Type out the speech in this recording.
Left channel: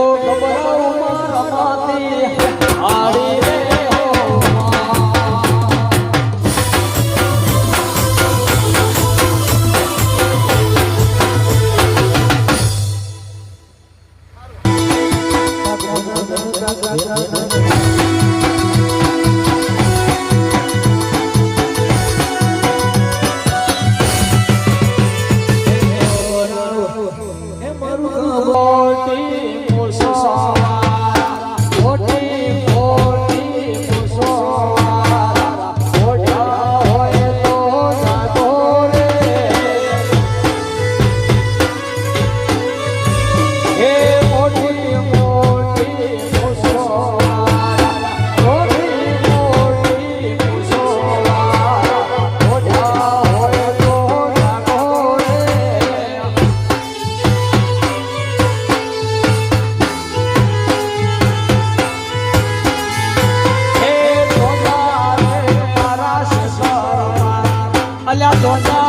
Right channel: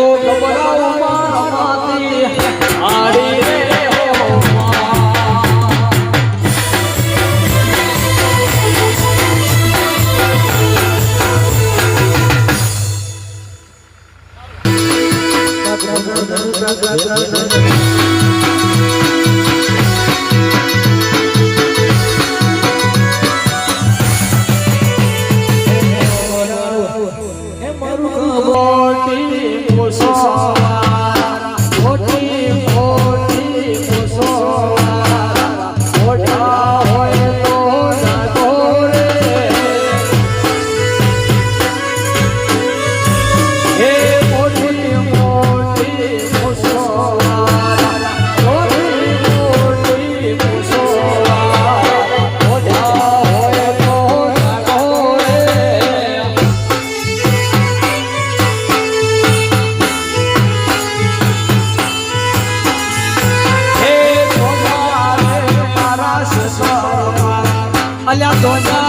તો અલ્યા ધોના